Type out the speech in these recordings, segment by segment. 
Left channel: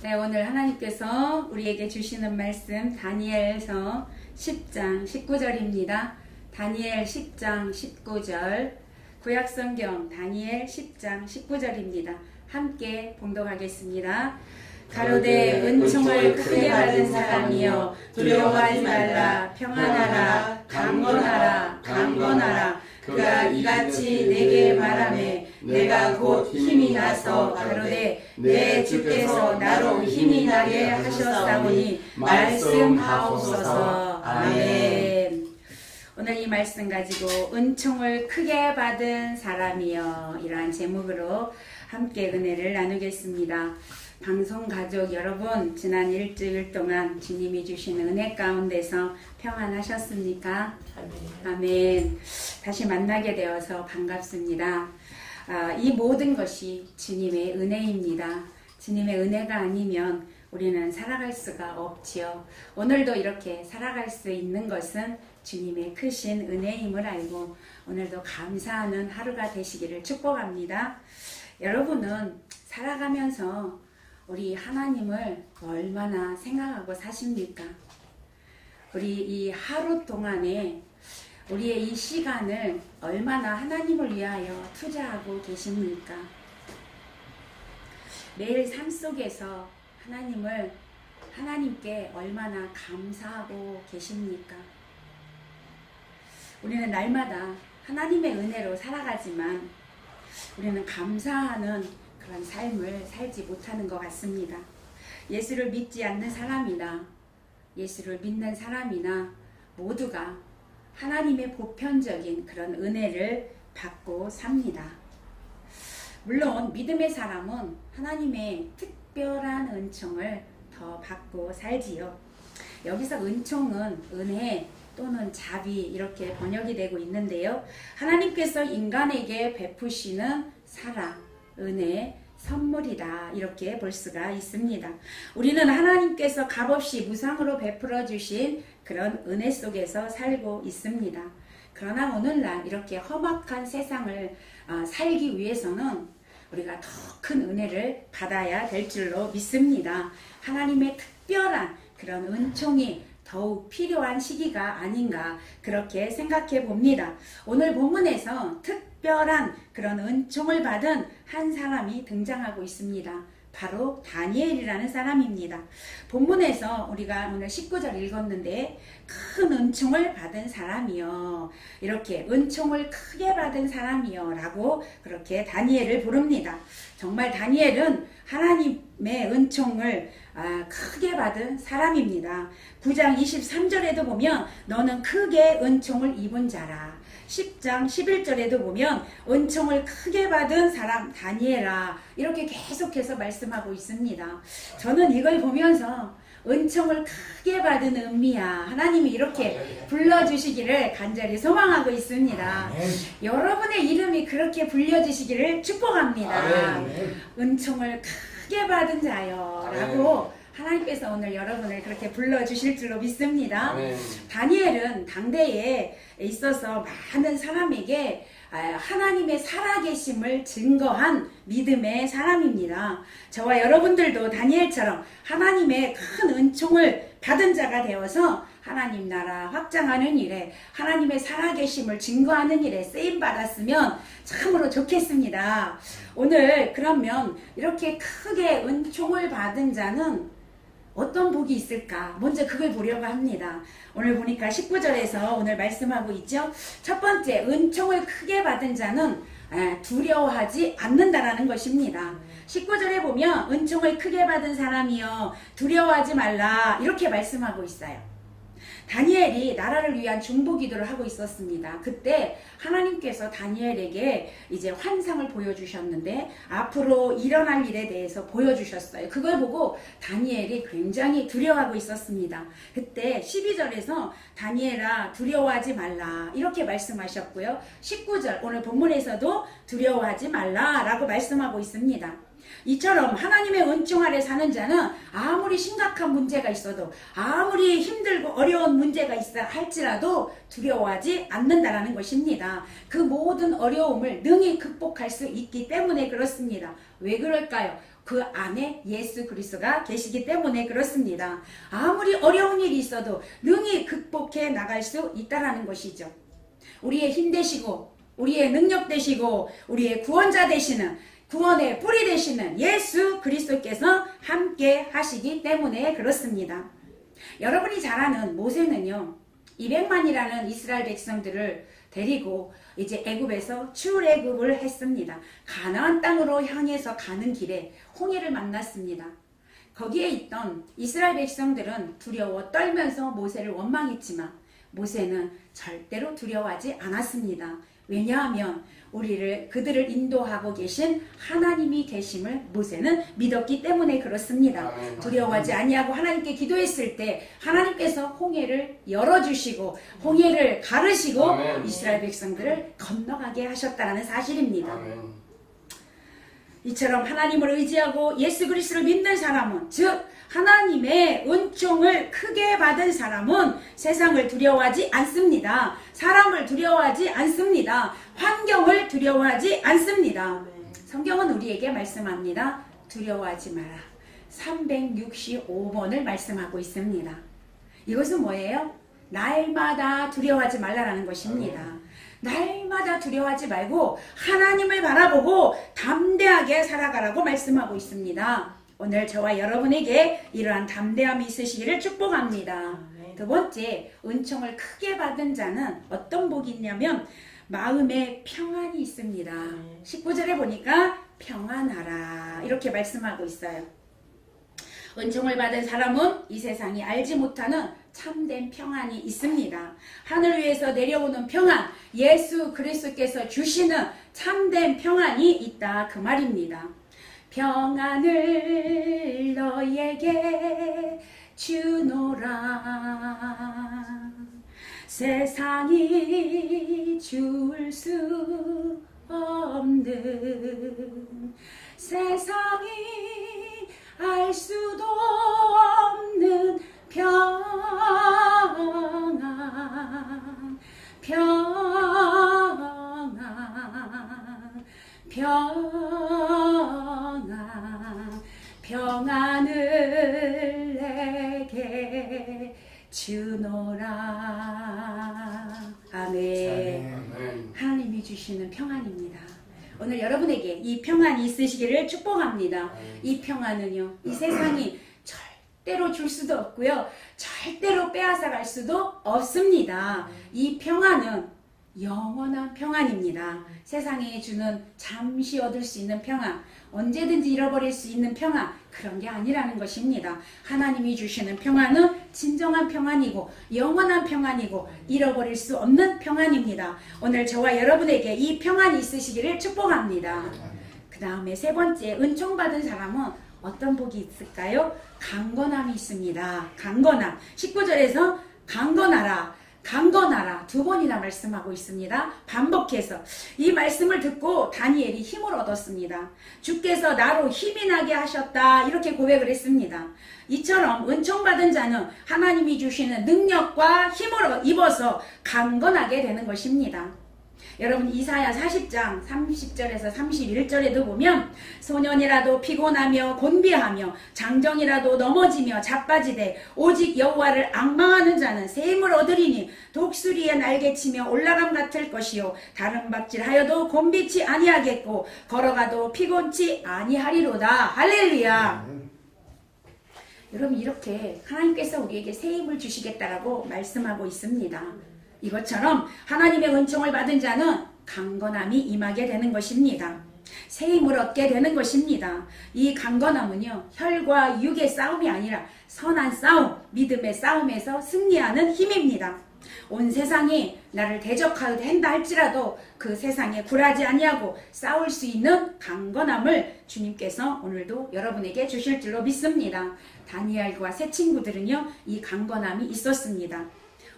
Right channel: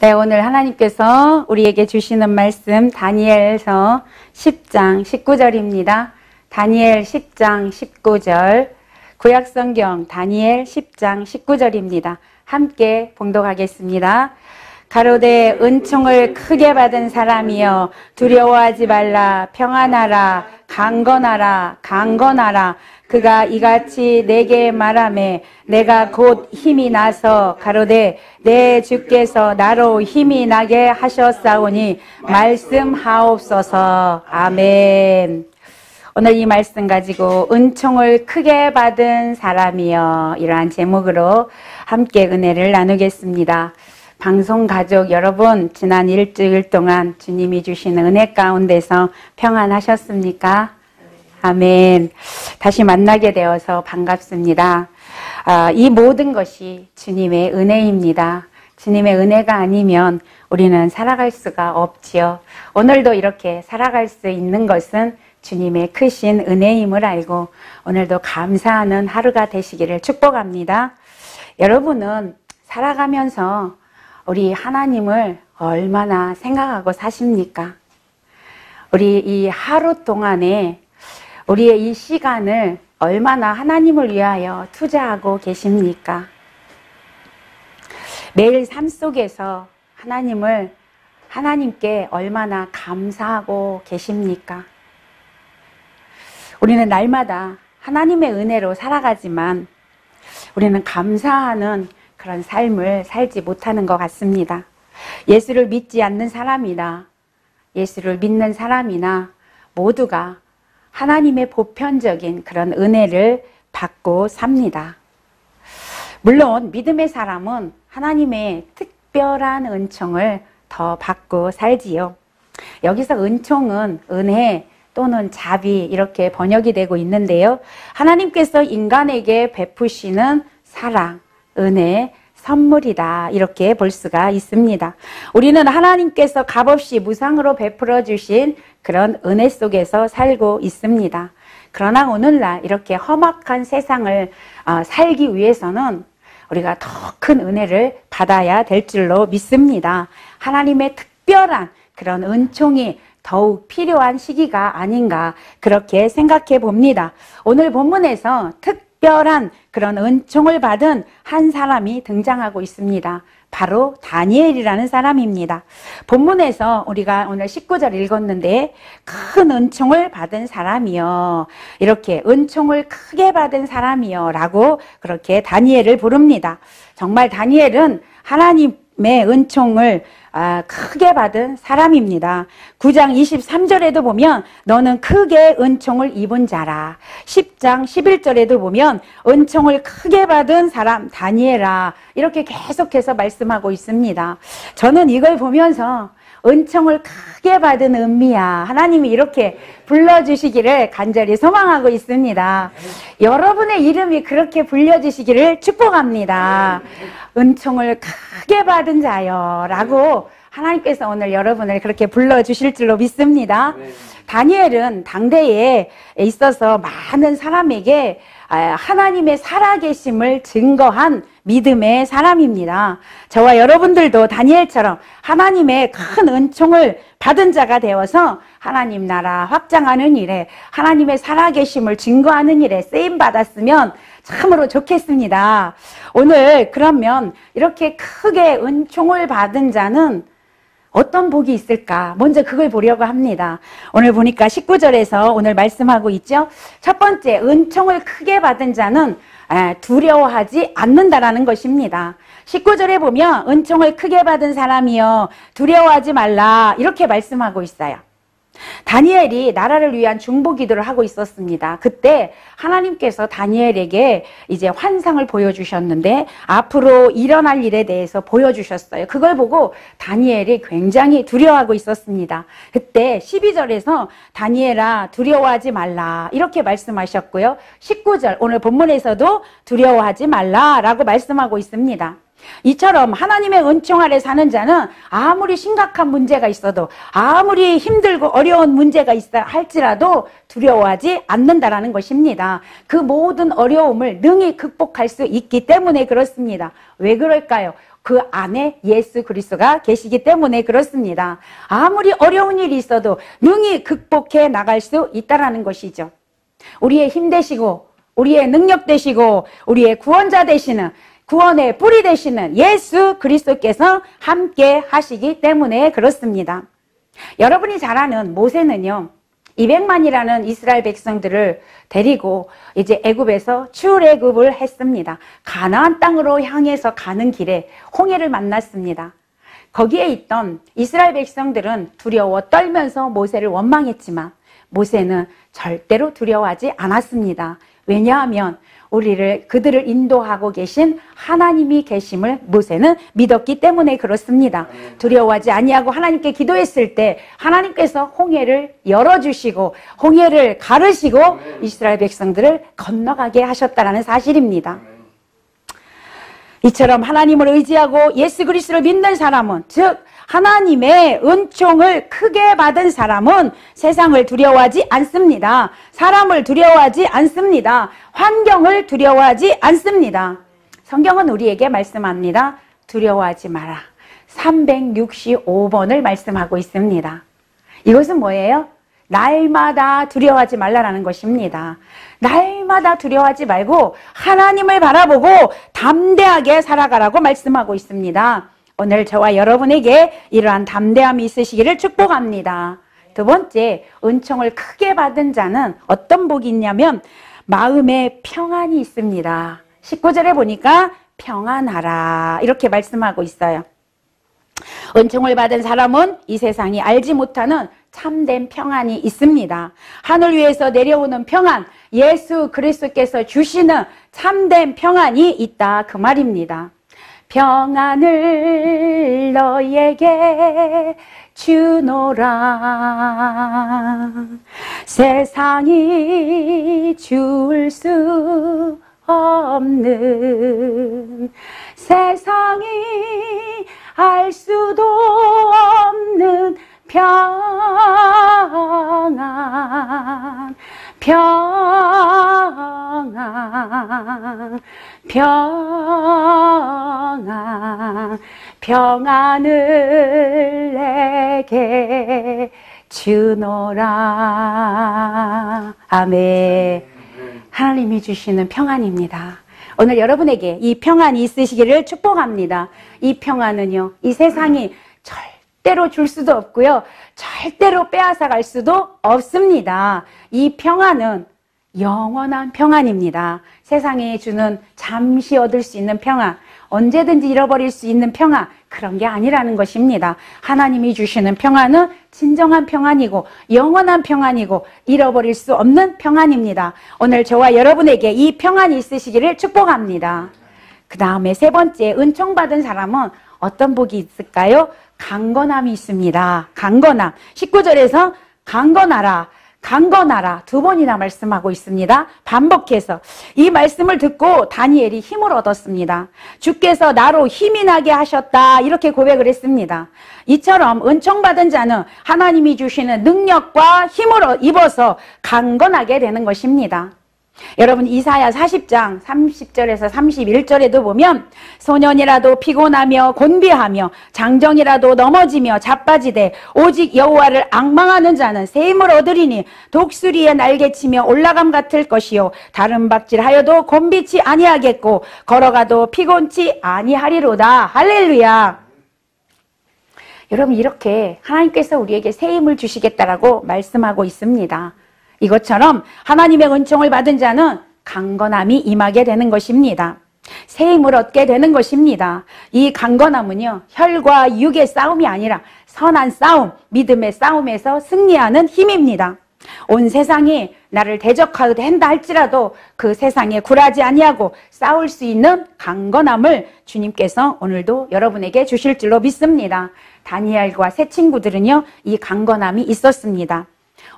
네, 오늘 하나님께서 우리에게 주시는 말씀 다니엘서 10장 19절입니다. 다니엘 10장 19절, 구약성경 다니엘 10장 19절입니다. 함께 봉독하겠습니다. 가로되 은총을 크게 받은 사람이여 두려워하지 말라. 평안하라. 강건하라. 강건하라. 그가 이같이 내게 말하매 내가 곧 힘이 나서 가로되 내 주께서 나로 힘이 나게 하셨사오니 말씀하옵소서. 아멘. 오늘 이 말씀 가지고 은총을 크게 받은 사람이여, 이러한 제목으로 함께 은혜를 나누겠습니다. 방송 가족 여러분, 지난 일주일 동안 주님이 주신 은혜 가운데서 평안하셨습니까? 아멘. 다시 만나게 되어서 반갑습니다. 이 모든 것이 주님의 은혜입니다. 주님의 은혜가 아니면 우리는 살아갈 수가 없지요. 오늘도 이렇게 살아갈 수 있는 것은 주님의 크신 은혜임을 알고 오늘도 감사하는 하루가 되시기를 축복합니다. 여러분은 살아가면서 우리 하나님을 얼마나 생각하고 사십니까? 우리 이 하루 동안에 우리의 이 시간을 얼마나 하나님을 위하여 투자하고 계십니까? 매일 삶 속에서 하나님께 얼마나 감사하고 계십니까? 우리는 날마다 하나님의 은혜로 살아가지만 우리는 감사하는 그런 삶을 살지 못하는 것 같습니다. 예수를 믿지 않는 사람이나 예수를 믿는 사람이나 모두가 하나님의 보편적인 그런 은혜를 받고 삽니다. 물론 믿음의 사람은 하나님의 특별한 은총을 더 받고 살지요. 여기서 은총은 은혜 또는 자비 이렇게 번역이 되고 있는데요. 하나님께서 인간에게 베푸시는 사랑, 은혜, 선물이다, 이렇게 볼 수가 있습니다. 우리는 하나님께서 값없이 무상으로 베풀어 주신 그런 은혜 속에서 살고 있습니다. 그러나 오늘날 이렇게 험악한 세상을 살기 위해서는 우리가 더 큰 은혜를 받아야 될 줄로 믿습니다. 하나님의 특별한 그런 은총이 더욱 필요한 시기가 아닌가 그렇게 생각해 봅니다. 오늘 본문에서 특별한 그런 은총을 받은 한 사람이 등장하고 있습니다. 바로 다니엘이라는 사람입니다. 본문에서 우리가 오늘 19절 읽었는데 큰 은총을 받은 사람이요, 이렇게 은총을 크게 받은 사람이요 라고 그렇게 다니엘을 부릅니다. 정말 다니엘은 하나님의 은총을 크게 받은 사람입니다. 9장 23절에도 보면 너는 크게 은총을 입은 자라. 10장 11절에도 보면 은총을 크게 받은 사람 다니엘아, 이렇게 계속해서 말씀하고 있습니다. 저는 이걸 보면서 은총을 크게 받은 은미야, 하나님이 이렇게 불러주시기를 간절히 소망하고 있습니다. 여러분의 이름이 그렇게 불려주시기를 축복합니다. 은총을 크게 받은 자요 라고 하나님께서 오늘 여러분을 그렇게 불러주실 줄로 믿습니다. 다니엘은 당대에 있어서 많은 사람에게 하나님의 살아계심을 증거한 믿음의 사람입니다. 저와 여러분들도 다니엘처럼 하나님의 큰 은총을 받은 자가 되어서 하나님 나라 확장하는 일에, 하나님의 살아계심을 증거하는 일에 쓰임받았으면 참으로 좋겠습니다. 오늘 그러면 이렇게 크게 은총을 받은 자는 어떤 복이 있을까? 먼저 그걸 보려고 합니다. 오늘 보니까 19절에서 오늘 말씀하고 있죠. 첫 번째, 은총을 크게 받은 자는 두려워하지 않는다라는 것입니다. 19절에 보면 은총을 크게 받은 사람이여 두려워하지 말라, 이렇게 말씀하고 있어요. 다니엘이 나라를 위한 중보 기도를 하고 있었습니다. 그때 하나님께서 다니엘에게 이제 환상을 보여주셨는데 앞으로 일어날 일에 대해서 보여주셨어요. 그걸 보고 다니엘이 굉장히 두려워하고 있었습니다. 그때 12절에서 다니엘아 두려워하지 말라, 이렇게 말씀하셨고요. 19절 오늘 본문에서도 두려워하지 말라 라고 말씀하고 있습니다. 이처럼 하나님의 은총 아래 사는 자는 아무리 심각한 문제가 있어도, 아무리 힘들고 어려운 문제가 있어 할지라도 두려워하지 않는다라는 것입니다. 그 모든 어려움을 능히 극복할 수 있기 때문에 그렇습니다. 왜 그럴까요? 그 안에 예수 그리스도가 계시기 때문에 그렇습니다. 아무리 어려운 일이 있어도 능히 극복해 나갈 수 있다라는 것이죠. 우리의 힘 되시고 우리의 능력 되시고 우리의 구원자 되시는, 구원의 뿌리 되시는 예수 그리스도께서 함께 하시기 때문에 그렇습니다. 여러분이 잘 아는 모세는요, 200만이라는 이스라엘 백성들을 데리고 이제 애굽에서 출애굽을 했습니다. 가나안 땅으로 향해서 가는 길에 홍해를 만났습니다. 거기에 있던 이스라엘 백성들은 두려워 떨면서 모세를 원망했지만 모세는 절대로 두려워하지 않았습니다. 왜냐하면 그들을 인도하고 계신 하나님이 계심을 모세는 믿었기 때문에 그렇습니다. 두려워하지 아니하고 하나님께 기도했을 때 하나님께서 홍해를 열어주시고 홍해를 가르시고 이스라엘 백성들을 건너가게 하셨다는 사실입니다. 이처럼 하나님을 의지하고 예수 그리스도를 믿는 사람은, 즉 하나님의 은총을 크게 받은 사람은 세상을 두려워하지 않습니다. 사람을 두려워하지 않습니다. 환경을 두려워하지 않습니다. 성경은 우리에게 말씀합니다. 두려워하지 마라. 365번을 말씀하고 있습니다. 이것은 뭐예요? 날마다 두려워하지 말라라는 것입니다. 날마다 두려워하지 말고 하나님을 바라보고 담대하게 살아가라고 말씀하고 있습니다. 오늘 저와 여러분에게 이러한 담대함이 있으시기를 축복합니다. 두 번째, 은총을 크게 받은 자는 어떤 복이 있냐면 마음에 평안이 있습니다. 19절에 보니까 평안하라 이렇게 말씀하고 있어요. 은총을 받은 사람은 이 세상이 알지 못하는 참된 평안이 있습니다. 하늘 위에서 내려오는 평안, 예수 그리스도께서 주시는 참된 평안이 있다 그 말입니다. 평안을 너에게 주노라. 세상이 줄 수 없는, 세상이 알 수도 없는 평안, 평안, 평안, 평안을 내게 주노라. 아멘. 하나님이 주시는 평안입니다. 오늘 여러분에게 이 평안이 있으시기를 축복합니다. 이 평안은요, 이 세상이 절대로 줄 수도 없고요, 절대로 빼앗아 갈 수도 없습니다. 이 평안은 영원한 평안입니다. 세상에 주는 잠시 얻을 수 있는 평안, 언제든지 잃어버릴 수 있는 평안, 그런 게 아니라는 것입니다. 하나님이 주시는 평안은 진정한 평안이고 영원한 평안이고 잃어버릴 수 없는 평안입니다. 오늘 저와 여러분에게 이 평안이 있으시기를 축복합니다. 그 다음에 세 번째, 은총받은 사람은 어떤 복이 있을까요? 강건함이 있습니다. 강건함. 19절에서 강건하라, 강건하라 두 번이나 말씀하고 있습니다. 반복해서 이 말씀을 듣고 다니엘이 힘을 얻었습니다. 주께서 나로 힘이 나게 하셨다 이렇게 고백을 했습니다. 이처럼 은총받은 자는 하나님이 주시는 능력과 힘을 입어서 강건하게 되는 것입니다. 여러분 이사야 40장 30절에서 31절에도 보면 소년이라도 피곤하며 곤비하며 장정이라도 넘어지며 자빠지되 오직 여호와를 앙망하는 자는 새 힘을 얻으리니 독수리의 날개치며 올라감 같을 것이요 다른 박질하여도 곤비치 아니하겠고 걸어가도 피곤치 아니하리로다. 할렐루야. 여러분 이렇게 하나님께서 우리에게 새 힘을 주시겠다라고 말씀하고 있습니다. 이것처럼 하나님의 은총을 받은 자는 강건함이 임하게 되는 것입니다. 새 힘을 얻게 되는 것입니다. 이 강건함은요, 혈과 육의 싸움이 아니라 선한 싸움, 믿음의 싸움에서 승리하는 힘입니다. 온 세상이 나를 대적하게 한다 할지라도 그 세상에 굴하지 아니하고 싸울 수 있는 강건함을 주님께서 오늘도 여러분에게 주실 줄로 믿습니다. 다니엘과 세 친구들은요, 이 강건함이 있었습니다.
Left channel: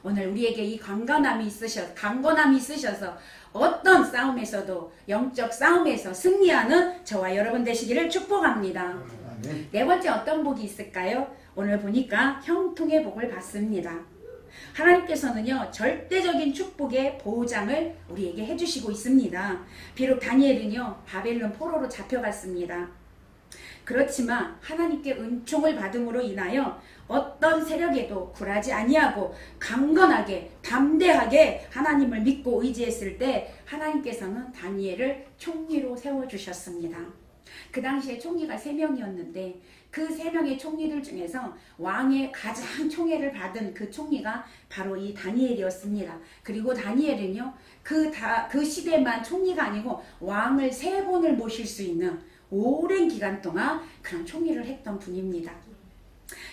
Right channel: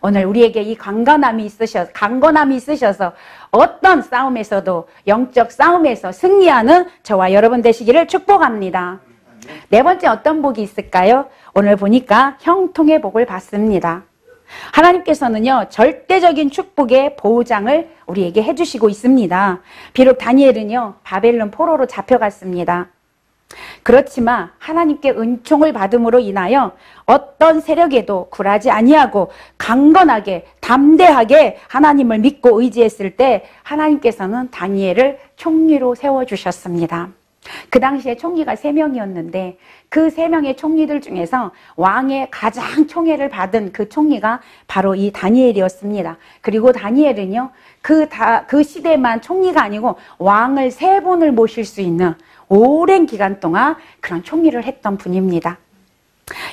오늘 우리에게 이 강건함이 있으셔서 어떤 싸움에서도 영적 싸움에서 승리하는 저와 여러분 되시기를 축복합니다. 네 번째 어떤 복이 있을까요? 오늘 보니까 형통의 복을 받습니다. 하나님께서는요, 절대적인 축복의 보장을 우리에게 해주시고 있습니다. 비록 다니엘은요, 바벨론 포로로 잡혀갔습니다. 그렇지만 하나님께 은총을 받음으로 인하여 어떤 세력에도 굴하지 아니하고 강건하게 담대하게 하나님을 믿고 의지했을 때 하나님께서는 다니엘을 총리로 세워주셨습니다. 그 당시에 총리가 3명이었는데 그 3명의 총리들 중에서 왕의 가장 총애를 받은 그 총리가 바로 이 다니엘이었습니다. 그리고 다니엘은요, 그 시대만 총리가 아니고 왕을 3번을 모실 수 있는 오랜 기간 동안 그런 총리를 했던 분입니다.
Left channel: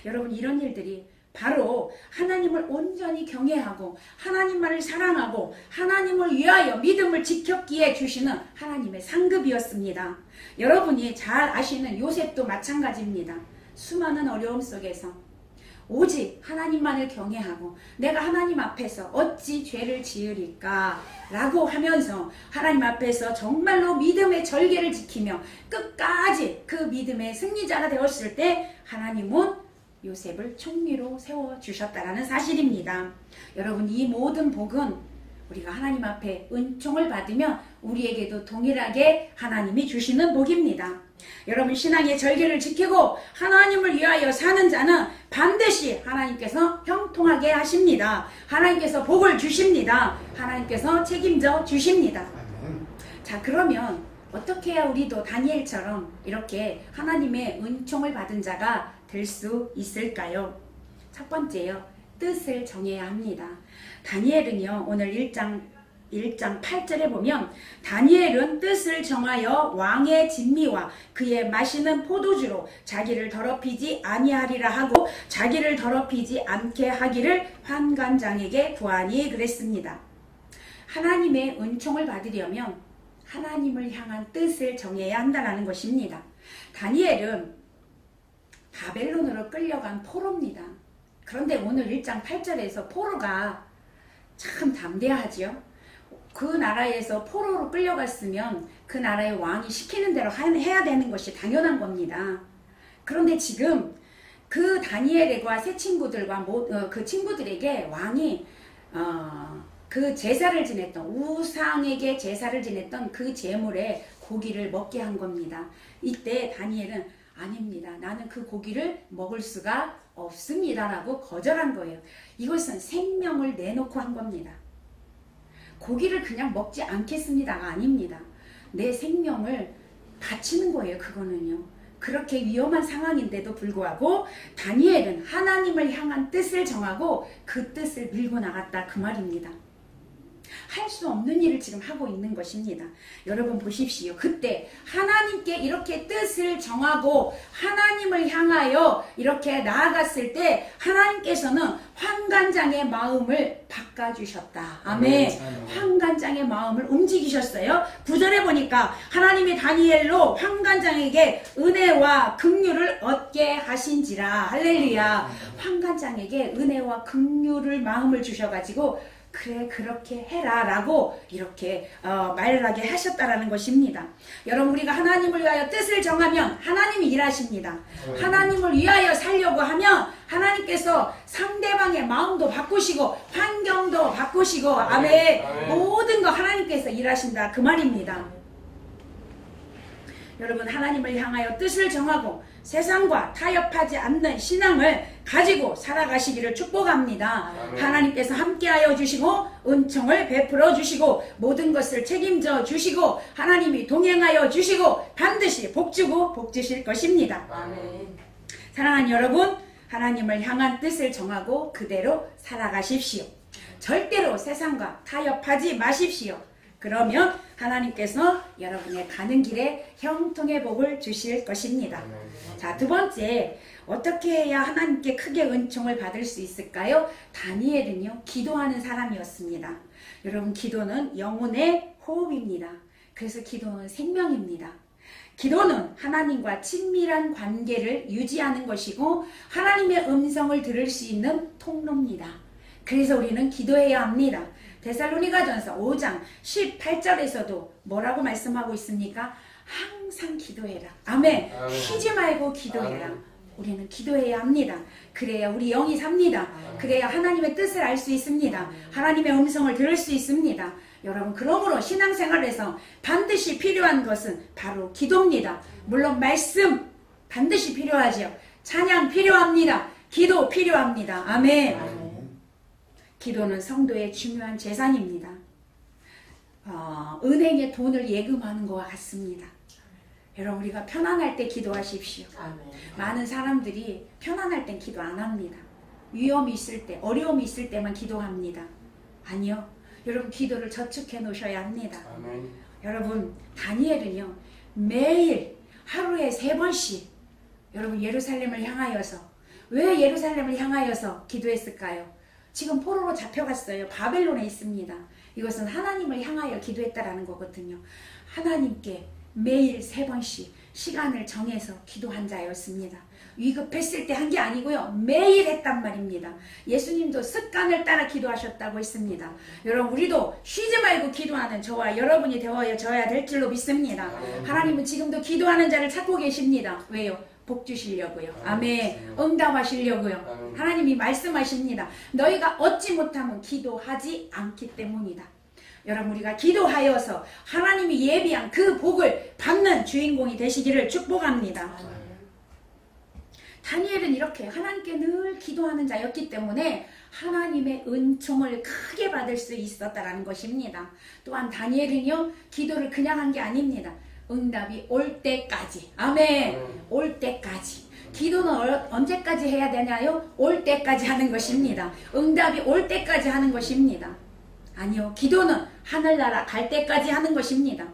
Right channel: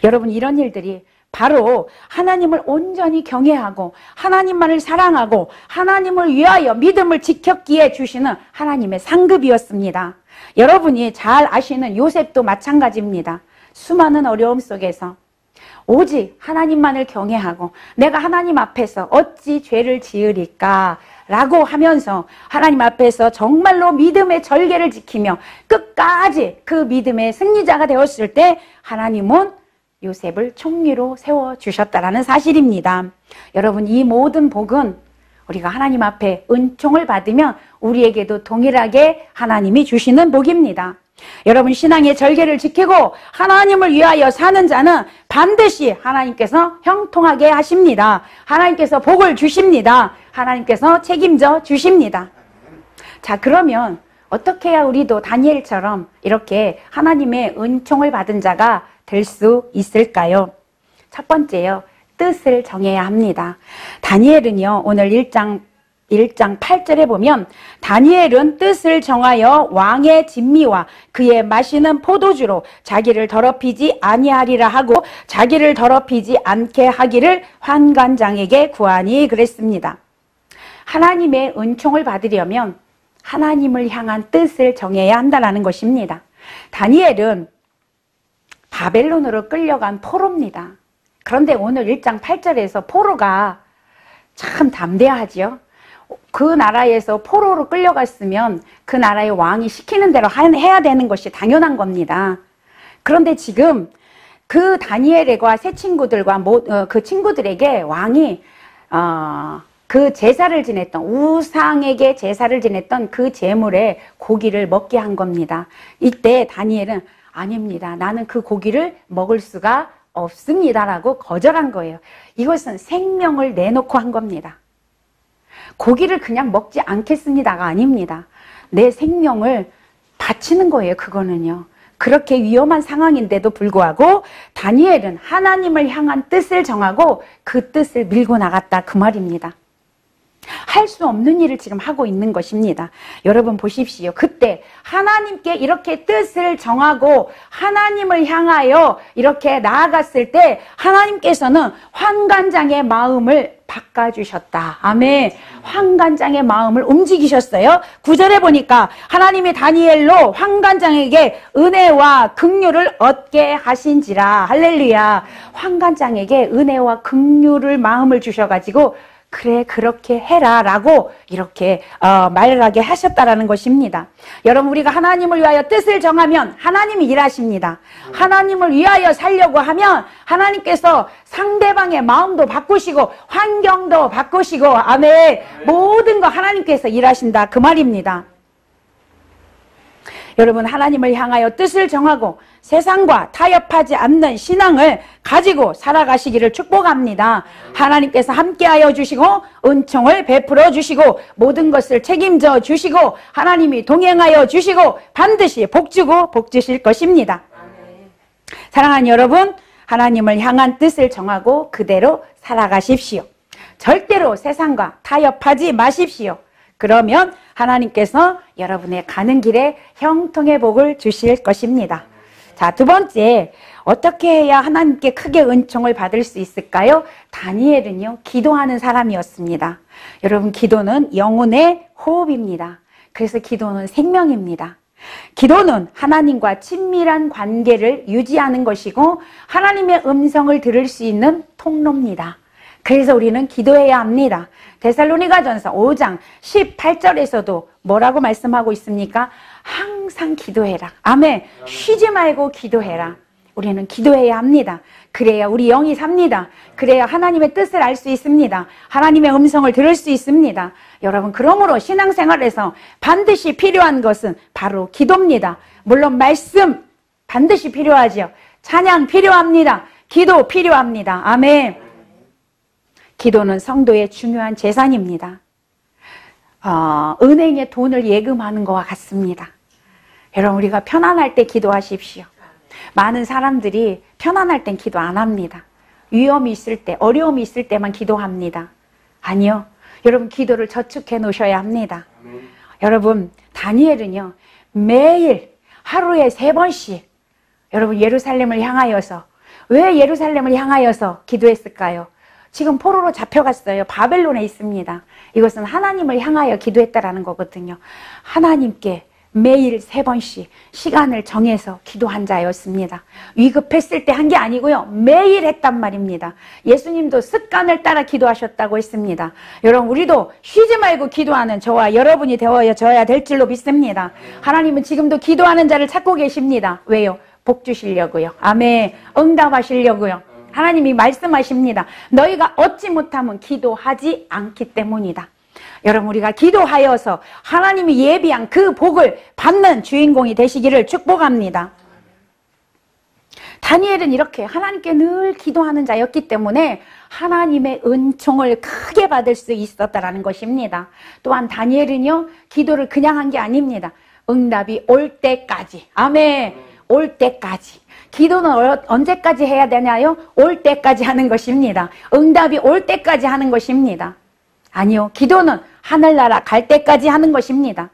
여러분, 이런 일들이 바로 하나님을 온전히 경외하고 하나님만을 사랑하고 하나님을 위하여 믿음을 지켰기에 주시는 하나님의 상급이었습니다. 여러분이 잘 아시는 요셉도 마찬가지입니다. 수많은 어려움 속에서 오직 하나님만을 경외하고 내가 하나님 앞에서 어찌 죄를 지으리까 라고 하면서 하나님 앞에서 정말로 믿음의 절개를 지키며 끝까지 그 믿음의 승리자가 되었을 때 하나님은 요셉을 총리로 세워주셨다라는 사실입니다. 여러분, 이 모든 복은 우리가 하나님 앞에 은총을 받으면 우리에게도 동일하게 하나님이 주시는 복입니다. 여러분, 신앙의 절개를 지키고 하나님을 위하여 사는 자는 반드시 하나님께서 형통하게 하십니다. 하나님께서 복을 주십니다. 하나님께서 책임져 주십니다. 자, 그러면 어떻게 해야 우리도 다니엘처럼 이렇게 하나님의 은총을 받은 자가 될 수 있을까요? 첫 번째요, 뜻을 정해야 합니다. 다니엘은요, 오늘 1장 8절에 보면 다니엘은 뜻을 정하여 왕의 진미와 그의 마시는 포도주로 자기를 더럽히지 아니하리라 하고 자기를 더럽히지 않게 하기를 환관장에게 구하니 그랬습니다. 하나님의 은총을 받으려면 하나님을 향한 뜻을 정해야 한다는 것입니다. 다니엘은 바벨론으로 끌려간 포로입니다. 그런데 오늘 1장 8절에서 포로가 참 담대하지요. 그 나라에서 포로로 끌려갔으면 그 나라의 왕이 시키는 대로 해야 되는 것이 당연한 겁니다. 그런데 지금 그 다니엘과 세 친구들과 그 친구들에게 왕이 그 제사를 지냈던 우상에게 제사를 지냈던 그 제물에 고기를 먹게 한 겁니다. 이때 다니엘은 아닙니다. 나는 그 고기를 먹을 수가 없습니다라고 거절한 거예요. 이것은 생명을 내놓고 한 겁니다. 고기를 그냥 먹지 않겠습니다가 아닙니다. 내 생명을 바치는 거예요. 그거는요. 그렇게 위험한 상황인데도 불구하고 다니엘은 하나님을 향한 뜻을 정하고 그 뜻을 밀고 나갔다, 그 말입니다. 할 수 없는 일을 지금 하고 있는 것입니다. 여러분 보십시오. 그때 하나님께 이렇게 뜻을 정하고 하나님을 향하여 이렇게 나아갔을 때 하나님께서는 환관장의 마음을 바꿔주셨다. 아멘. 환관장의 마음을 움직이셨어요. 9절에 보니까 하나님이 다니엘로 환관장에게 은혜와 긍휼을 얻게 하신지라. 할렐루야. 환관장에게 은혜와 긍휼을 마음을 주셔가지고 그래, 그렇게 해라 라고 이렇게 말하게 하셨다라는 것입니다. 여러분, 우리가 하나님을 위하여 뜻을 정하면 하나님이 일하십니다. 하나님을 위하여 살려고 하면 하나님께서 상대방의 마음도 바꾸시고 환경도 바꾸시고 아멘, 모든 거 하나님께서 일하신다, 그 말입니다. 여러분, 하나님을 향하여 뜻을 정하고 세상과 타협하지 않는 신앙을 가지고 살아가시기를 축복합니다. 하나님께서 함께하여 주시고 은총을 베풀어 주시고 모든 것을 책임져 주시고 하나님이 동행하여 주시고 반드시 복주고 복주실 것입니다. 사랑하는 여러분, 하나님을 향한 뜻을 정하고 그대로 살아가십시오. 절대로 세상과 타협하지 마십시오. 그러면 하나님께서 여러분의 가는 길에 형통의 복을 주실 것입니다. 자, 두 번째, 어떻게 해야 하나님께 크게 은총을 받을 수 있을까요? 다니엘은요, 기도하는 사람이었습니다. 여러분, 기도는 영혼의 호흡입니다. 그래서 기도는 생명입니다. 기도는 하나님과 친밀한 관계를 유지하는 것이고 하나님의 음성을 들을 수 있는 통로입니다. 그래서 우리는 기도해야 합니다. 데살로니가전서 5장 18절에서도 뭐라고 말씀하고 있습니까? 항상 기도해라. 아멘. 쉬지 말고 기도해라. 우리는 기도해야 합니다. 그래야 우리 영이 삽니다. 그래야 하나님의 뜻을 알 수 있습니다. 하나님의 음성을 들을 수 있습니다. 여러분, 그러므로 신앙생활에서 반드시 필요한 것은 바로 기도입니다. 물론 말씀 반드시 필요하죠. 찬양 필요합니다. 기도 필요합니다. 아멘. 기도는 성도의 중요한 재산입니다. 은행에 돈을 예금하는 것과 같습니다. 여러분, 우리가 편안할 때 기도하십시오. 많은 사람들이 편안할 땐 기도 안 합니다. 위험이 있을 때, 어려움이 있을 때만 기도합니다. 아니요. 여러분, 기도를 저축해 놓으셔야 합니다. 여러분, 다니엘은요, 매일 하루에 3번씩 여러분, 예루살렘을 향하여서, 왜 예루살렘을 향하여서 기도했을까요? 지금 포로로 잡혀갔어요. 바벨론에 있습니다. 이것은 하나님을 향하여 기도했다라는 거거든요. 하나님께 매일 3번씩 시간을 정해서 기도한 자였습니다. 위급했을 때 한 게 아니고요. 매일 했단 말입니다. 예수님도 습관을 따라 기도하셨다고 했습니다. 여러분, 우리도 쉬지 말고 기도하는 저와 여러분이 되어져야 될 줄로 믿습니다. 하나님은 지금도 기도하는 자를 찾고 계십니다. 왜요? 복 주시려고요. 아멘. 응답하시려고요. 하나님이 말씀하십니다. 너희가 얻지 못하면 기도하지 않기 때문이다. 여러분, 우리가 기도하여서 하나님이 예비한 그 복을 받는 주인공이 되시기를 축복합니다. 다니엘은 이렇게 하나님께 늘 기도하는 자였기 때문에 하나님의 은총을 크게 받을 수 있었다라는 것입니다. 또한 다니엘은요, 기도를 그냥 한 게 아닙니다. 응답이 올 때까지. 아멘. 올 때까지. 기도는 언제까지 해야 되나요? 올 때까지 하는 것입니다. 응답이 올 때까지 하는 것입니다. 아니요. 기도는 하늘나라 갈 때까지 하는 것입니다.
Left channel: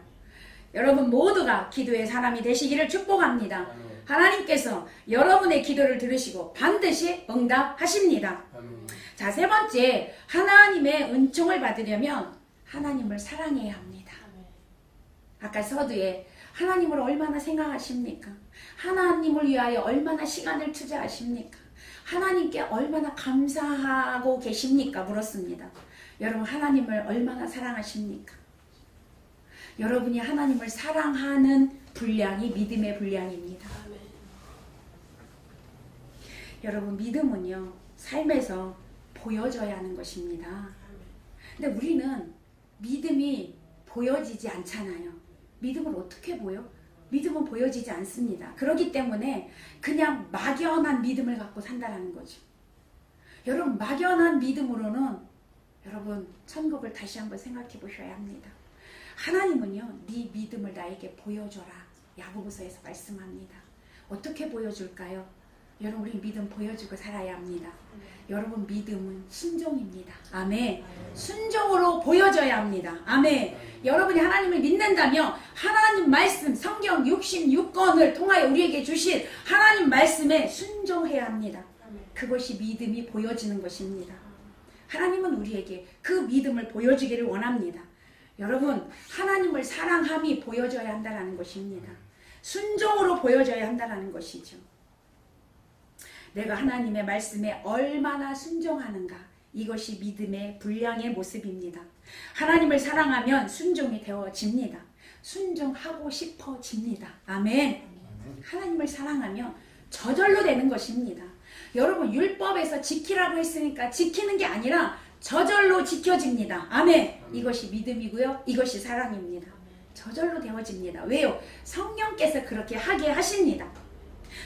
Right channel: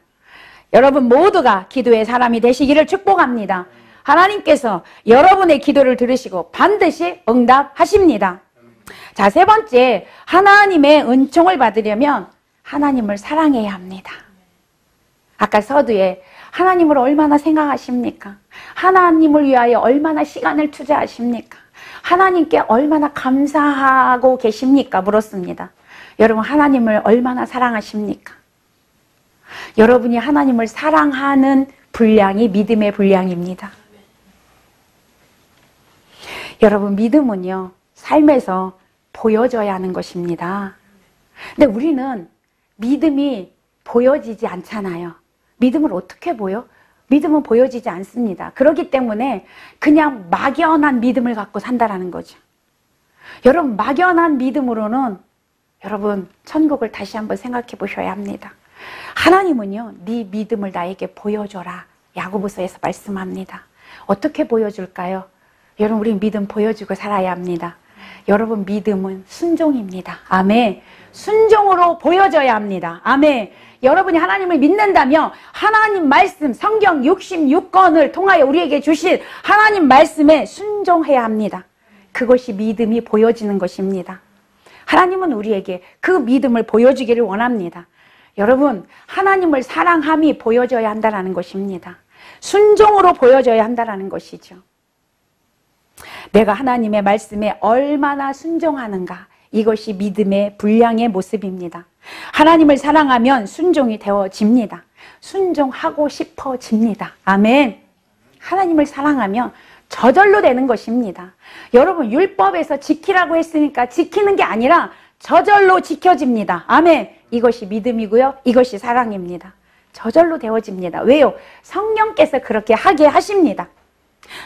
여러분 모두가 기도의 사람이 되시기를 축복합니다. 하나님께서 여러분의 기도를 들으시고 반드시 응답하십니다. 자, 3번째, 하나님의 은총을 받으려면 하나님을 사랑해야 합니다. 아까 서두에 하나님을 얼마나 생각하십니까? 하나님을 위하여 얼마나 시간을 투자하십니까? 하나님께 얼마나 감사하고 계십니까? 물었습니다. 여러분, 하나님을 얼마나 사랑하십니까? 여러분이 하나님을 사랑하는 분량이 믿음의 분량입니다. 여러분, 믿음은요, 삶에서 보여져야 하는 것입니다. 근데 우리는 믿음이 보여지지 않잖아요. 믿음을 어떻게 보여? 믿음은 보여지지 않습니다. 그렇기 때문에 그냥 막연한 믿음을 갖고 산다라는 거죠. 여러분, 막연한 믿음으로는 여러분 천국을 다시 한번 생각해 보셔야 합니다. 하나님은요, 네 믿음을 나에게 보여줘라. 야고보서에서 말씀합니다. 어떻게 보여줄까요? 여러분, 우리 믿음 보여주고 살아야 합니다. 여러분, 믿음은 순종입니다. 아멘. 순종으로 보여져야 합니다. 아멘. 여러분이 하나님을 믿는다면 하나님 말씀 성경 66권을 통하여 우리에게 주신 하나님 말씀에 순종해야 합니다. 그것이 믿음이 보여지는 것입니다. 하나님은 우리에게 그 믿음을 보여주기를 원합니다. 여러분, 하나님을 사랑함이 보여져야 한다는 것입니다. 순종으로 보여져야 한다는 것이죠. 내가 하나님의 말씀에 얼마나 순종하는가, 이것이 믿음의 분량의 모습입니다. 하나님을 사랑하면 순종이 되어집니다. 순종하고 싶어집니다. 아멘. 하나님을 사랑하면 저절로 되는 것입니다. 여러분, 율법에서 지키라고 했으니까 지키는 게 아니라 저절로 지켜집니다. 아멘. 이것이 믿음이고요. 이것이 사랑입니다. 저절로 되어집니다. 왜요? 성령께서 그렇게 하게 하십니다.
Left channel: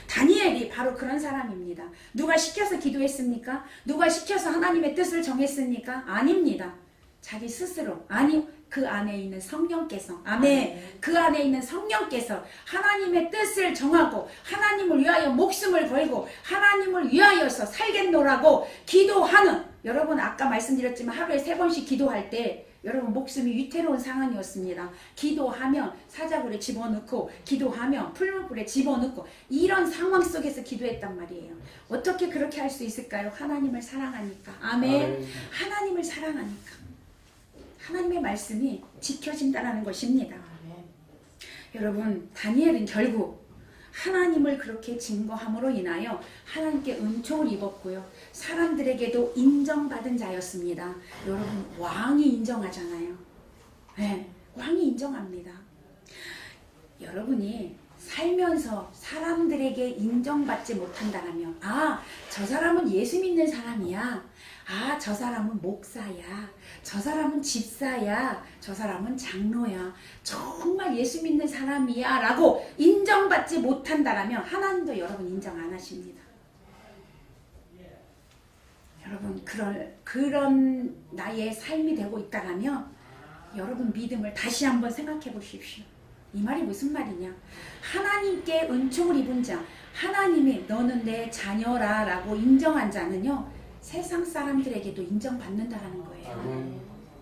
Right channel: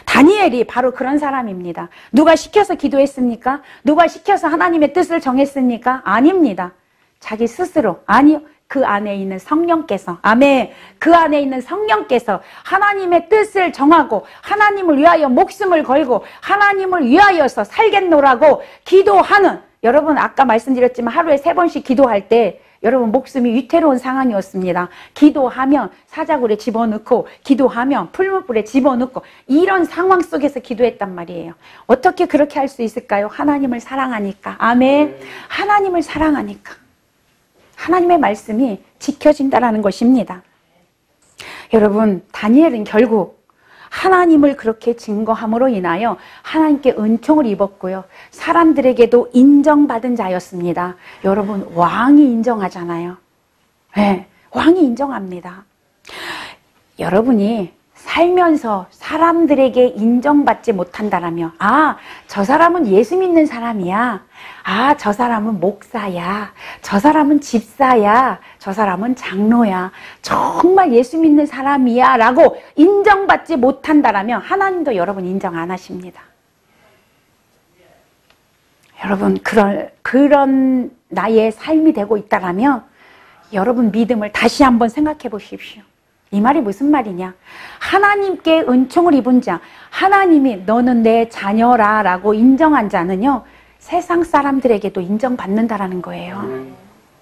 다니엘이 바로 그런 사람입니다. 누가 시켜서 기도했습니까? 누가 시켜서 하나님의 뜻을 정했습니까? 아닙니다. 자기 스스로. 아니요. 그 안에 있는 성령께서, 아멘, 그 안에 있는 성령께서 하나님의 뜻을 정하고 하나님을 위하여 목숨을 걸고 하나님을 위하여서 살겠노라고 기도하는, 여러분 아까 말씀드렸지만 하루에 3번씩 기도할 때 여러분 목숨이 위태로운 상황이었습니다. 기도하면 사자굴에 집어넣고 기도하면 풀무불에 집어넣고 이런 상황 속에서 기도했단 말이에요. 어떻게 그렇게 할 수 있을까요? 하나님을 사랑하니까. 아멘. 하나님을 사랑하니까. 하나님의 말씀이 지켜진다라는 것입니다. 여러분, 다니엘은 결국 하나님을 그렇게 증거함으로 인하여 하나님께 은총을 입었고요. 사람들에게도 인정받은 자였습니다. 여러분, 왕이 인정하잖아요. 네, 왕이 인정합니다. 여러분이 살면서 사람들에게 인정받지 못한다라며, 아, 저 사람은 예수 믿는 사람이야. 아, 저 사람은 목사야. 저 사람은 집사야. 저 사람은 장로야. 정말 예수 믿는 사람이야. 라고 인정받지 못한다라면 하나님도 여러분 인정 안 하십니다. 여러분, 그런 나의 삶이 되고 있다라면 여러분 믿음을 다시 한번 생각해 보십시오. 이 말이 무슨 말이냐? 하나님께 은총을 입은 자, 하나님이 너는 내 자녀라 라고 인정한 자는요, 세상 사람들에게도 인정받는다라는 거예요.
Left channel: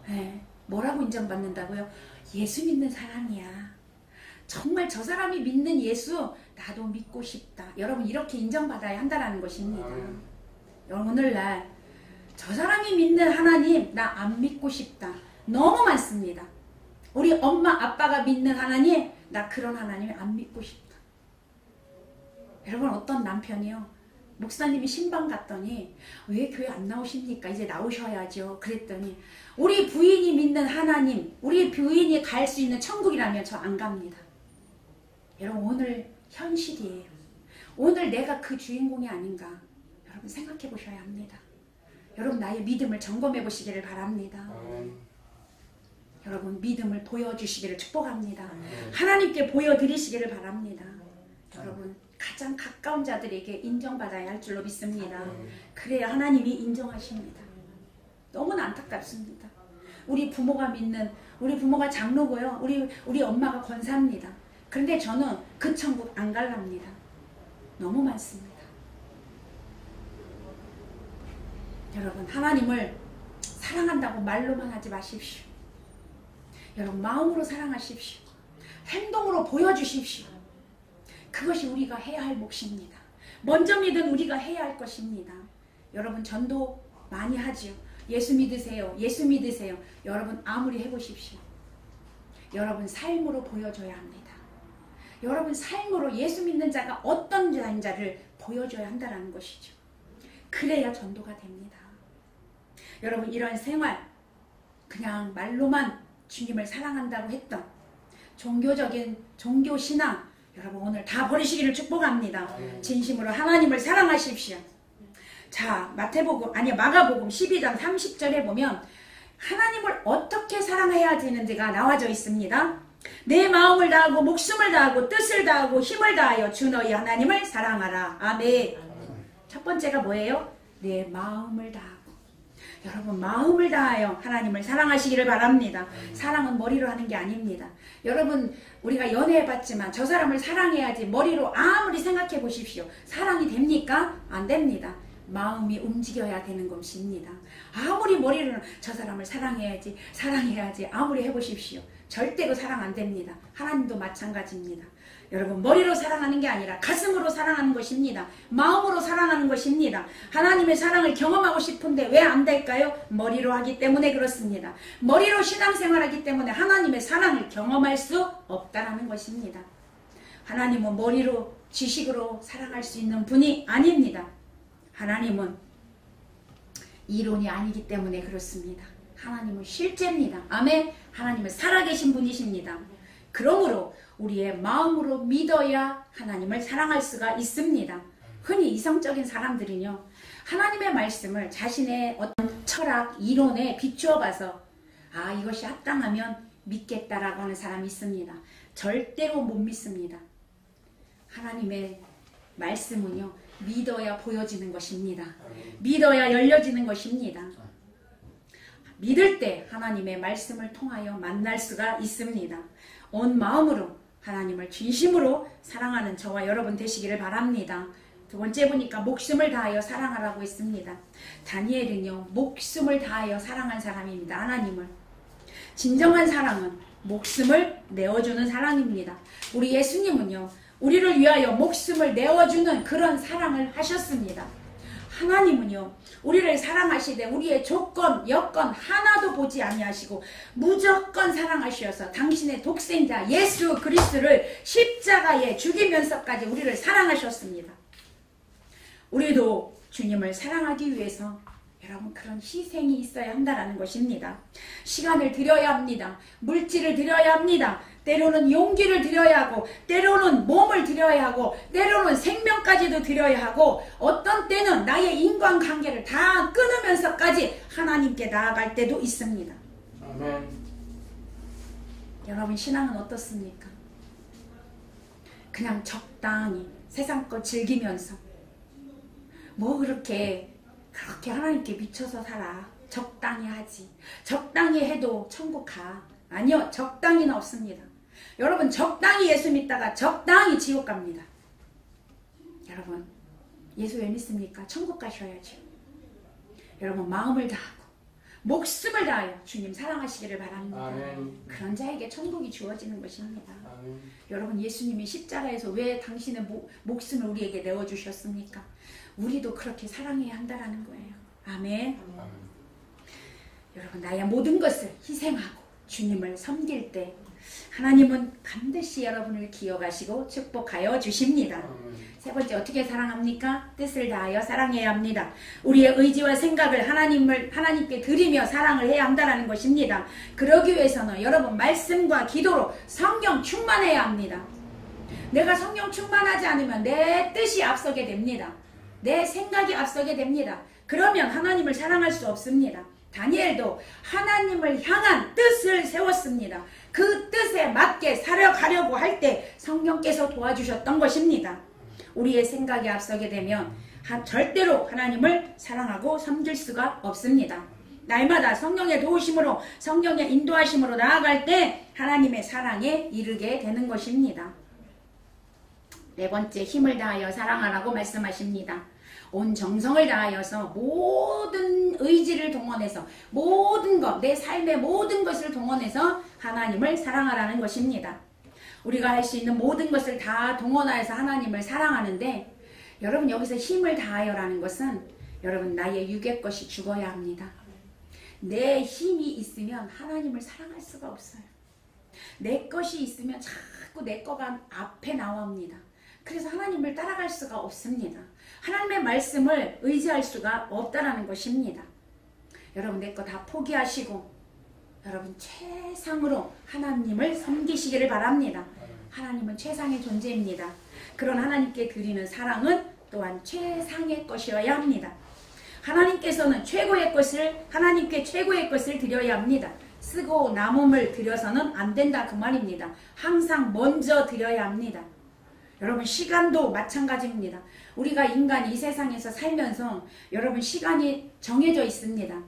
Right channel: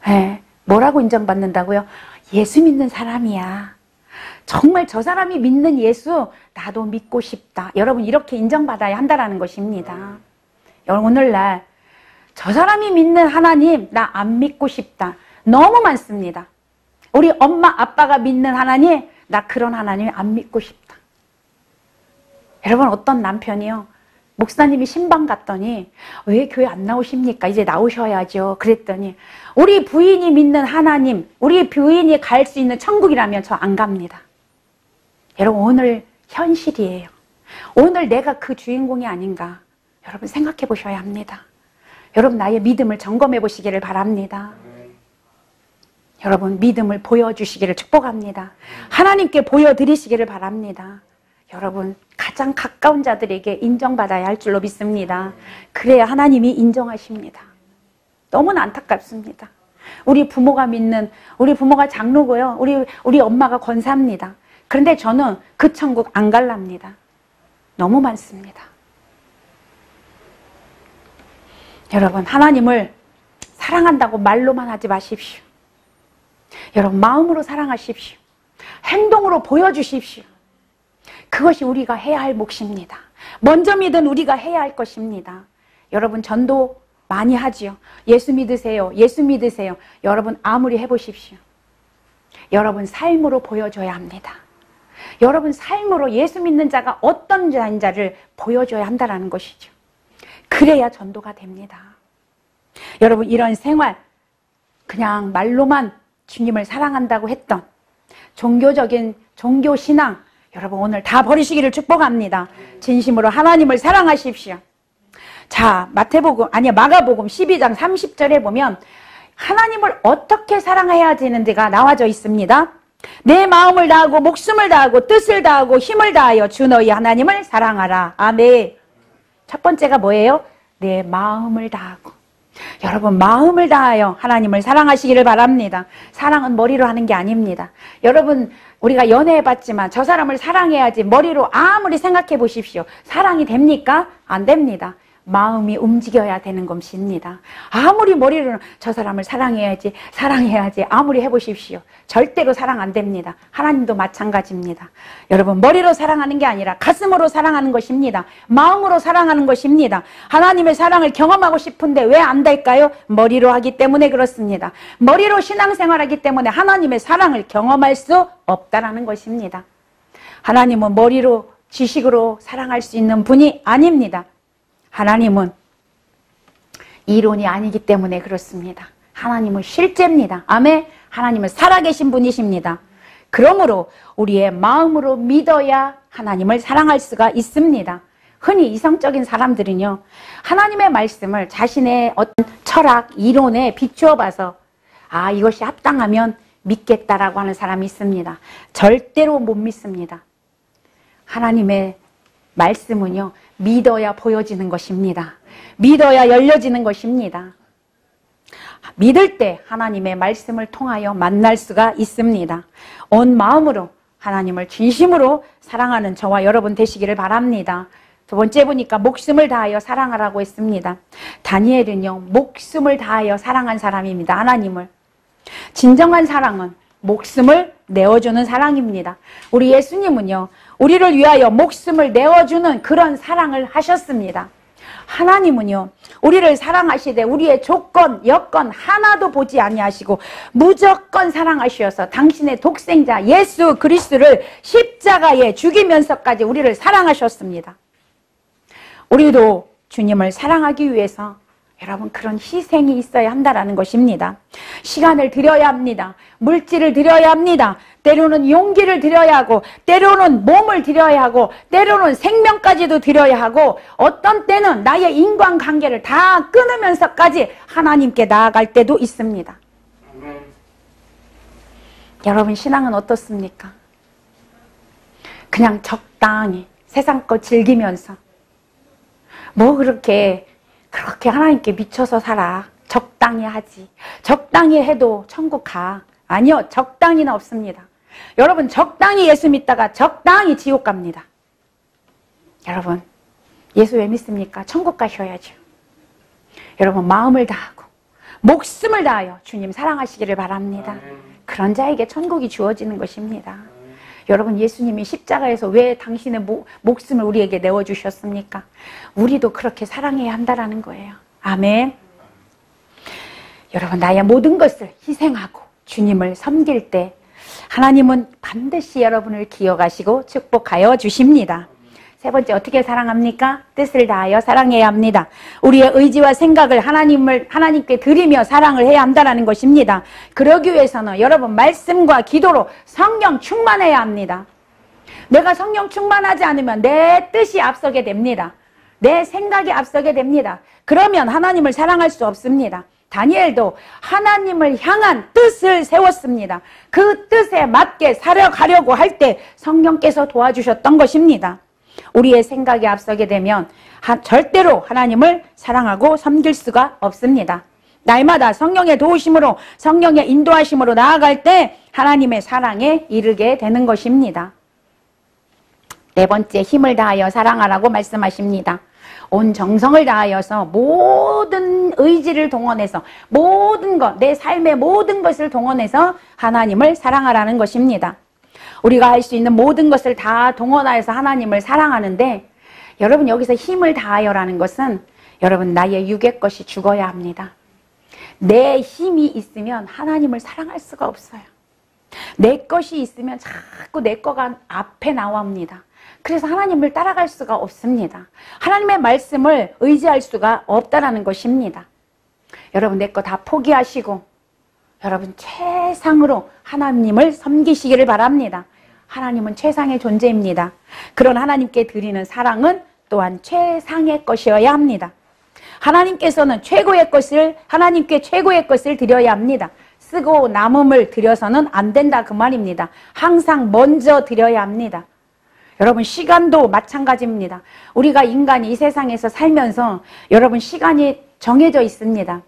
네, 뭐라고 인정받는다고요? 예수 믿는 사람이야. 정말 저 사람이 믿는 예수 나도 믿고 싶다. 여러분 이렇게 인정받아야 한다라는 것입니다. 여러분 오늘날 저 사람이 믿는 하나님 나 안 믿고 싶다. 너무 많습니다. 우리 엄마 아빠가 믿는 하나님 나 그런 하나님 안 믿고 싶다. 여러분 어떤 남편이요, 목사님이 신방 갔더니 왜 교회 안 나오십니까? 이제 나오셔야죠. 그랬더니 우리 부인이 믿는 하나님, 우리 부인이 갈 수 있는 천국이라면 저 안 갑니다. 여러분 오늘 현실이에요. 오늘 내가 그 주인공이 아닌가 여러분 생각해 보셔야 합니다. 여러분 나의 믿음을 점검해 보시기를 바랍니다. 여러분 믿음을 보여주시기를 축복합니다. 하나님께 보여드리시기를 바랍니다. 여러분 가장 가까운 자들에게 인정받아야 할 줄로 믿습니다. 그래야 하나님이 인정하십니다. 너무나 안타깝습니다. 우리 부모가 믿는, 우리 부모가 장로고요, 우리 엄마가 권사입니다. 그런데 저는 그 천국 안 갈랍니다. 너무 많습니다. 여러분 하나님을 사랑한다고 말로만 하지 마십시오. 여러분 마음으로 사랑하십시오. 행동으로 보여주십시오. 그것이 우리가 해야 할 몫입니다. 먼저 믿은 우리가 해야 할 것입니다. 여러분 전도 많이 하지요. 예수 믿으세요. 예수 믿으세요. 여러분 아무리 해보십시오. 여러분 삶으로 보여줘야 합니다. 여러분 삶으로 예수 믿는 자가 어떤 자인지를 보여줘야 한다는 것이죠. 그래야 전도가 됩니다. 여러분 이런 생활, 그냥 말로만 주님을 사랑한다고 했던 종교적인 종교신앙 여러분 오늘 다 버리시기를 축복합니다. 진심으로 하나님을 사랑하십시오. 자, 마가복음 12장 30절에 보면 하나님을 어떻게 사랑해야 되는지가 나와져 있습니다. 내 마음을 다하고 목숨을 다하고 뜻을 다하고 힘을 다하여 주 너희 하나님을 사랑하라. 아멘. 첫 번째가 뭐예요? 내 마음을 다하고. 여러분 마음을 다하여 하나님을 사랑하시기를 바랍니다. 사랑은 머리로 하는 게 아닙니다. 여러분 우리가 연애해봤지만 저 사람을 사랑해야지 머리로 아무리 생각해 보십시오. 사랑이 됩니까? 안 됩니다. 마음이 움직여야 되는 것입니다. 아무리 머리로는 저 사람을 사랑해야지 아무리 해보십시오. 절대 그 사랑 안 됩니다. 하나님도 마찬가지입니다. 여러분 머리로 사랑하는 게 아니라 가슴으로 사랑하는 것입니다. 마음으로 사랑하는 것입니다. 하나님의 사랑을 경험하고 싶은데 왜 안 될까요? 머리로 하기 때문에 그렇습니다. 머리로 신앙생활하기 때문에 하나님의 사랑을 경험할 수 없다라는 것입니다. 하나님은 머리로 지식으로 사랑할 수 있는 분이 아닙니다. 하나님은 이론이 아니기 때문에 그렇습니다. 하나님은 실제입니다. 아멘. 하나님은 살아계신 분이십니다. 그러므로 우리의 마음으로 믿어야 하나님을 사랑할 수가 있습니다. 흔히 이성적인 사람들은요, 하나님의 말씀을 자신의 어떤 철학, 이론에 비추어 봐서 아, 이것이 합당하면 믿겠다라고 하는 사람이 있습니다. 절대로 못 믿습니다. 하나님의 말씀은요, 믿어야 보여지는 것입니다. 믿어야 열려지는 것입니다. 믿을 때 하나님의 말씀을 통하여 만날 수가 있습니다. 온 마음으로 하나님을 진심으로 사랑하는 저와 여러분 되시기를 바랍니다. 두 번째 보니까 목숨을 다하여 사랑하라고 했습니다. 다니엘은요, 목숨을 다하여 사랑한 사람입니다. 하나님을. 진정한 사랑은 목숨을 내어주는 사랑입니다. 우리 예수님은요, 우리를 위하여 목숨을 내어주는 그런 사랑을 하셨습니다. 하나님은요, 우리를 사랑하시되 우리의 조건, 여건 하나도 보지 아니하시고 무조건 사랑하셔서 당신의 독생자 예수 그리스도를 십자가에 죽이면서까지 우리를 사랑하셨습니다. 우리도 주님을 사랑하기 위해서 여러분 그런 희생이 있어야 한다는 것입니다. 시간을 드려야 합니다. 물질을 드려야 합니다. 때로는 용기를 드려야 하고, 때로는 몸을 드려야 하고, 때로는 생명까지도 드려야 하고, 어떤 때는 나의 인간관계를 다 끊으면서까지 하나님께 나아갈 때도 있습니다. 아멘. 여러분 신앙은 어떻습니까? 그냥 적당히 세상 거 즐기면서 뭐 그렇게 하나님께 미쳐서 살아. 적당히 하지. 적당히 해도 천국 가. 아니요, 적당히는 없습니다. 여러분 적당히 예수 믿다가 적당히 지옥 갑니다. 여러분 예수 왜 믿습니까? 천국 가셔야죠. 여러분 마음을 다하고 목숨을 다하여 주님 사랑하시기를 바랍니다. 그런 자에게 천국이 주어지는 것입니다. 여러분 예수님이 십자가에서 왜 당신의 목숨을 우리에게 내어주셨습니까? 우리도 그렇게 사랑해야 한다는 거예요. 아멘. 여러분 나의 모든 것을 희생하고 주님을 섬길 때 하나님은 반드시 여러분을 기억하시고 축복하여 주십니다. 세 번째, 어떻게 사랑합니까? 뜻을 다하여 사랑해야 합니다. 우리의 의지와 생각을 하나님께 드리며 사랑을 해야 한다는 것입니다. 그러기 위해서는 여러분 말씀과 기도로 성령 충만해야 합니다. 내가 성령 충만하지 않으면 내 뜻이 앞서게 됩니다. 내 생각이 앞서게 됩니다. 그러면 하나님을 사랑할 수 없습니다. 다니엘도 하나님을 향한 뜻을 세웠습니다. 그 뜻에 맞게 살아가려고 할 때 성령께서 도와주셨던 것입니다. 우리의 생각이 앞서게 되면 절대로 하나님을 사랑하고 섬길 수가 없습니다. 날마다 성령의 도우심으로, 성령의 인도하심으로 나아갈 때 하나님의 사랑에 이르게 되는 것입니다. 네 번째, 힘을 다하여 사랑하라고 말씀하십니다. 온 정성을 다하여서 모든 의지를 동원해서 모든 것, 내 삶의 모든 것을 동원해서 하나님을 사랑하라는 것입니다. 우리가 할 수 있는 모든 것을 다 동원하여서 하나님을 사랑하는데, 여러분 여기서 힘을 다하여라는 것은 여러분 나의 육의 것이 죽어야 합니다. 내 힘이 있으면 하나님을 사랑할 수가 없어요. 내 것이 있으면 자꾸 내 거가 앞에 나옵니다. 그래서 하나님을 따라갈 수가 없습니다. 하나님의 말씀을 의지할 수가 없다라는 것입니다. 여러분 내 거 다 포기하시고 여러분 최상으로 하나님을 섬기시기를 바랍니다. 하나님은 최상의 존재입니다. 그런 하나님께 드리는 사랑은 또한 최상의 것이어야 합니다. 하나님께서는 최고의 것을, 하나님께 최고의 것을 드려야 합니다. 쓰고 남음을 드려서는 안 된다 그 말입니다. 항상 먼저 드려야 합니다. 여러분 시간도 마찬가지입니다. 우리가 인간이 이 세상에서 살면서 여러분 시간이 정해져 있습니다.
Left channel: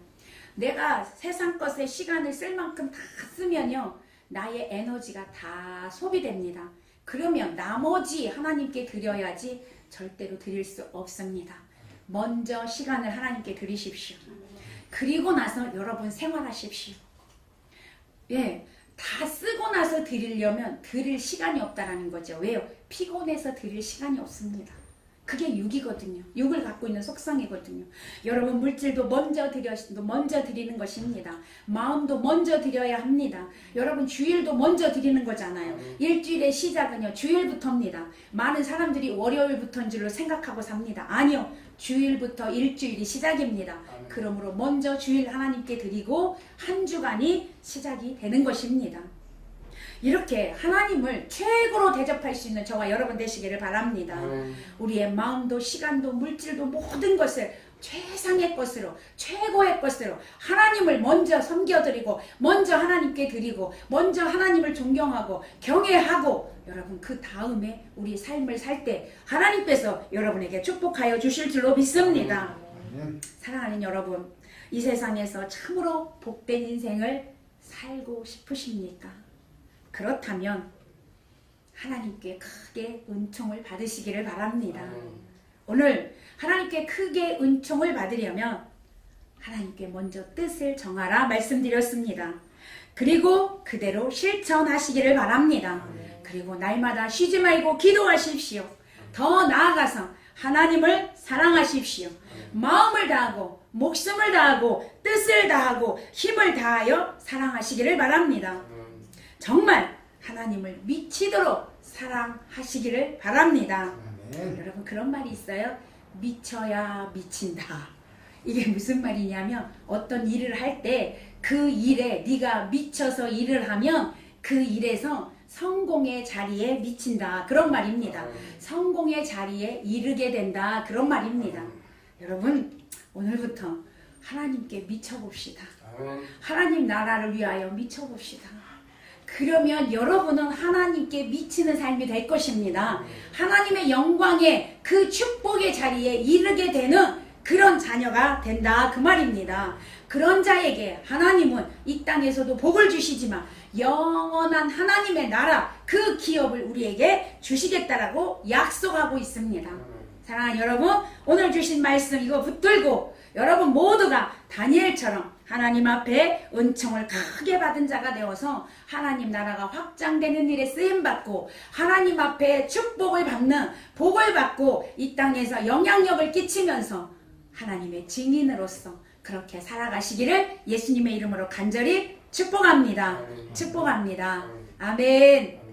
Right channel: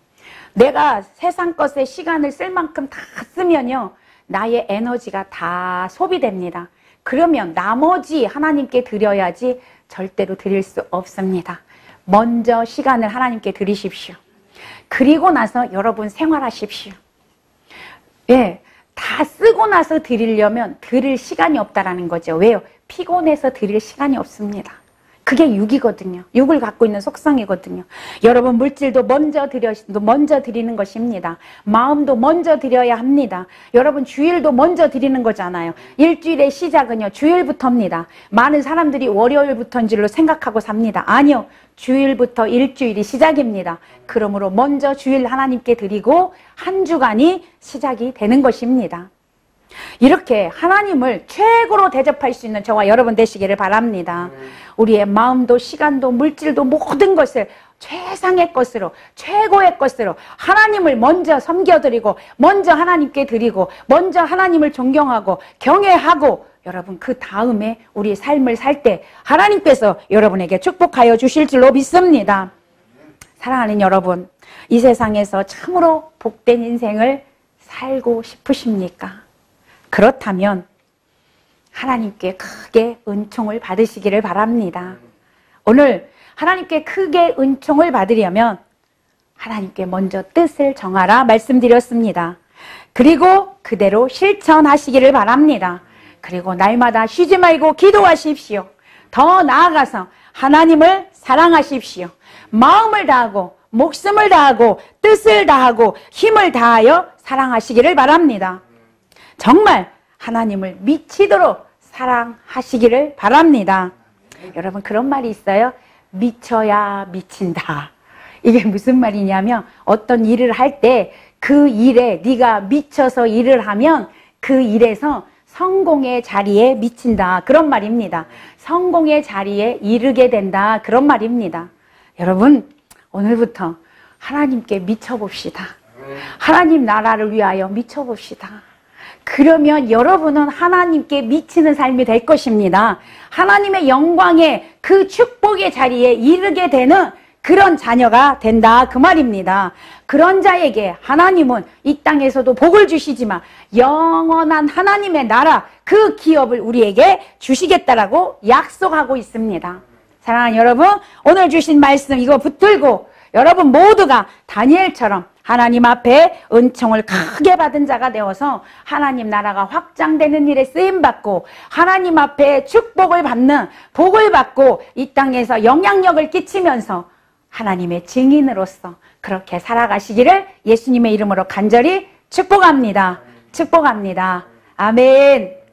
내가 세상 것에 시간을 쓸 만큼 다 쓰면요 나의 에너지가 다 소비됩니다. 그러면 나머지 하나님께 드려야지 절대로 드릴 수 없습니다. 먼저 시간을 하나님께 드리십시오. 그리고 나서 여러분 생활하십시오. 예, 다 쓰고 나서 드리려면 드릴 시간이 없다라는 거죠. 왜요? 피곤해서 드릴 시간이 없습니다. 그게 육이거든요. 육을 갖고 있는 속성이거든요. 여러분 물질도 먼저 드리는 것입니다. 마음도 먼저 드려야 합니다. 여러분 주일도 먼저 드리는 거잖아요. 일주일의 시작은요 주일부터입니다. 많은 사람들이 월요일부터인 줄로 생각하고 삽니다. 아니요. 주일부터 일주일이 시작입니다. 그러므로 먼저 주일 하나님께 드리고 한 주간이 시작이 되는 것입니다. 이렇게 하나님을 최고로 대접할 수 있는 저와 여러분 되시기를 바랍니다. 우리의 마음도 시간도 물질도 모든 것을 최상의 것으로 최고의 것으로 하나님을 먼저 섬겨드리고 먼저 하나님께 드리고 먼저 하나님을 존경하고 경외하고 여러분 그 다음에 우리 삶을 살 때 하나님께서 여러분에게 축복하여 주실 줄로 믿습니다. 사랑하는 여러분, 이 세상에서 참으로 복된 인생을 살고 싶으십니까? 그렇다면 하나님께 크게 은총을 받으시기를 바랍니다. 오늘 하나님께 크게 은총을 받으려면 하나님께 먼저 뜻을 정하라 말씀드렸습니다. 그리고 그대로 실천하시기를 바랍니다. 그리고 날마다 쉬지 말고 기도하십시오. 더 나아가서 하나님을 사랑하십시오. 마음을 다하고 목숨을 다하고 뜻을 다하고 힘을 다하여 사랑하시기를 바랍니다. 정말 하나님을 미치도록 사랑하시기를 바랍니다. 여러분 그런 말이 있어요. 미쳐야 미친다. 이게 무슨 말이냐면 어떤 일을 할 때 그 일에 네가 미쳐서 일을 하면 그 일에서 성공의 자리에 미친다. 그런 말입니다. 성공의 자리에 이르게 된다. 그런 말입니다. 여러분, 오늘부터 하나님께 미쳐봅시다. 하나님 나라를 위하여 미쳐봅시다. 그러면 여러분은 하나님께 미치는 삶이 될 것입니다. 하나님의 영광의 그 축복의 자리에 이르게 되는 그런 자녀가 된다. 그 말입니다. 그런 자에게 하나님은 이 땅에서도 복을 주시지만 영원한 하나님의 나라 그 기업을 우리에게 주시겠다라고 약속하고 있습니다. 사랑하는 여러분, 오늘 주신 말씀 이거 붙들고 여러분 모두가 다니엘처럼 하나님 앞에 은총을 크게 받은 자가 되어서 하나님 나라가 확장되는 일에 쓰임받고 하나님 앞에 축복을 받는 복을 받고 이 땅에서 영향력을 끼치면서 하나님의 증인으로서 그렇게 살아가시기를 예수님의 이름으로 간절히 축복합니다. 축복합니다. 아멘.